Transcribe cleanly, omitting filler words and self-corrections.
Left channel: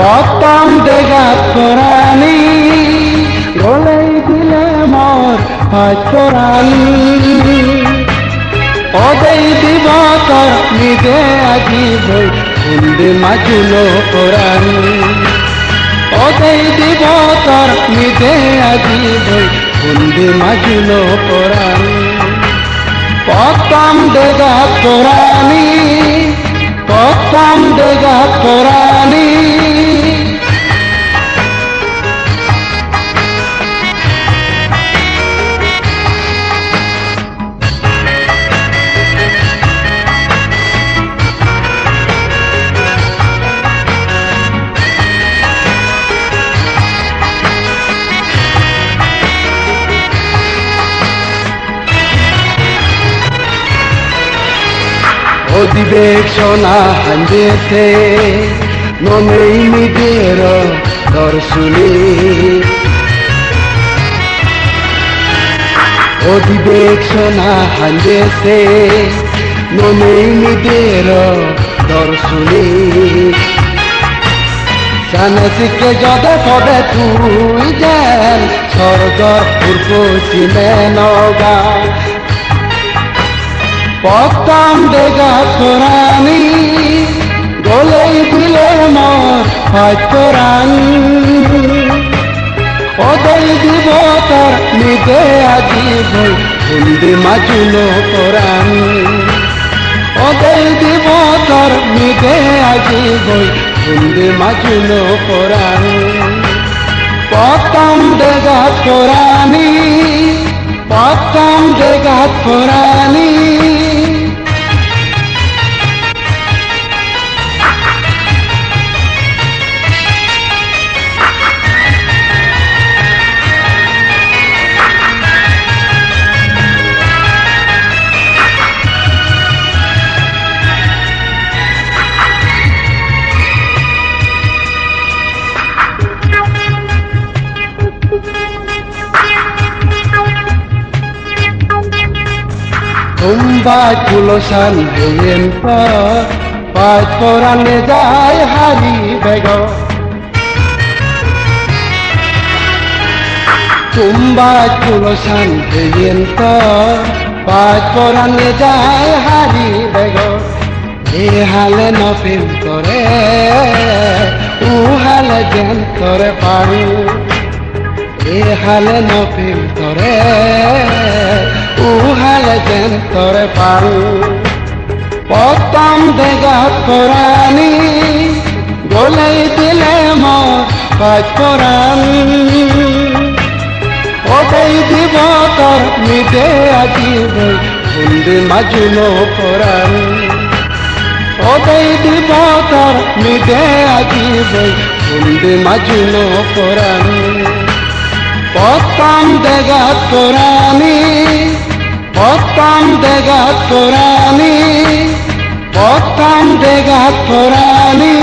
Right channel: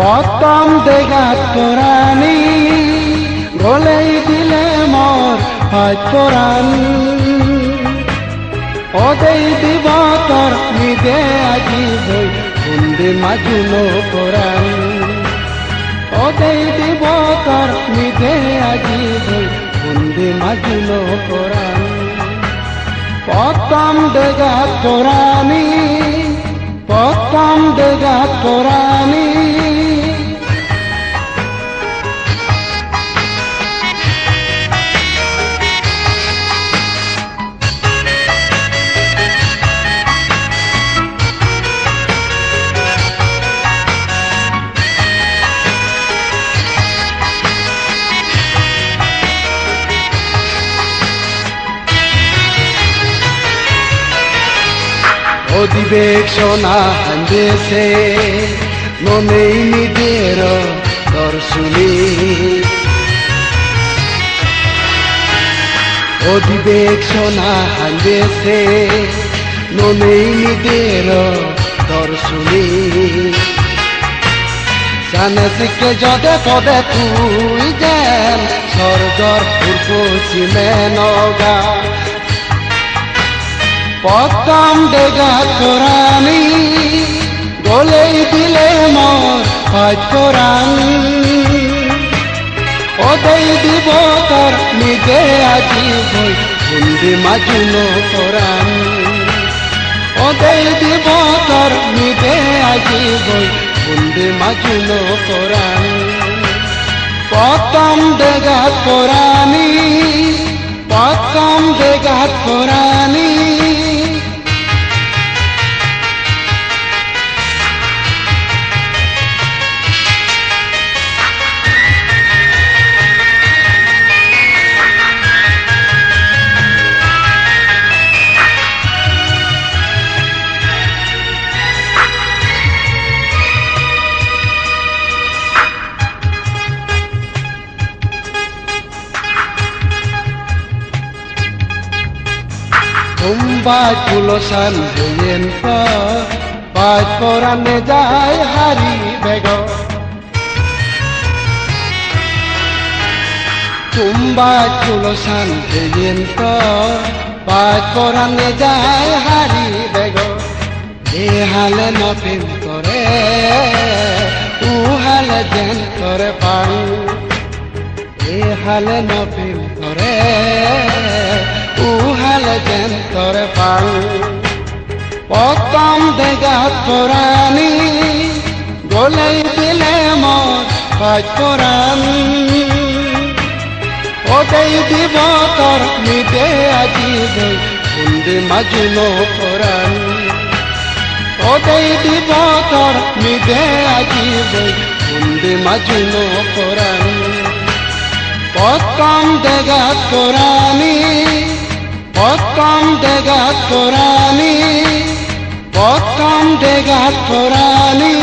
পতম দেগাত কোরআনি গলাই দিলে মোর হাত কোরআনি ওদেই দিব তোর নিজে আজি বই কুন্দি মাজিলো কোরআনি ওদেই দিব তোর নিজে আজি বই কুন্দি মাজিলো কোরআনি পতম দেগাত কোরআনি পতম দেগাত কোরআনি অধিবেশনা হাঞ্জেছে নমেই নিজের দর্শনী অধিবেশনা হাঞ্জেছে নমেই নিজের দর্শনী জানসিকে যদে পদে তুই যেন স্বর্গর পূর্বছিলে নগা পতম দেগাত কোরআনি গলাই দিলে মোর হাত কোরআনি ওদেই দিব তোর নিজে আজি বই কুন্দি মাজিলো কোরআনি ওদেই দিব তোর নিজে আজি বই কুন্দি মাজিলো কোরআনি পতম দেগাত কোরআনি পতম দেগাত কোরআনি Tumba kulosan dengan pat koran jai hari bego Tumba kulosan dengan pat koran jai hari bego Ehale nopim kore uhale jan kore paru Ehale nopim kore uhale jan kore paru পতম দেগাত কোরআনি গলাই দিলে মোর হাত কোরআনি ওদেই দিব তোর নিজে আজি বই কুন্দি মাজিলো কোরআনি ওদেই দিব তোর নিজে আজি বই কুন্দি মাজিলো কোরআনি পতম দেগাত কোরআনি পতম দেগাত কোরআনি পতম দেগাত কোরআনি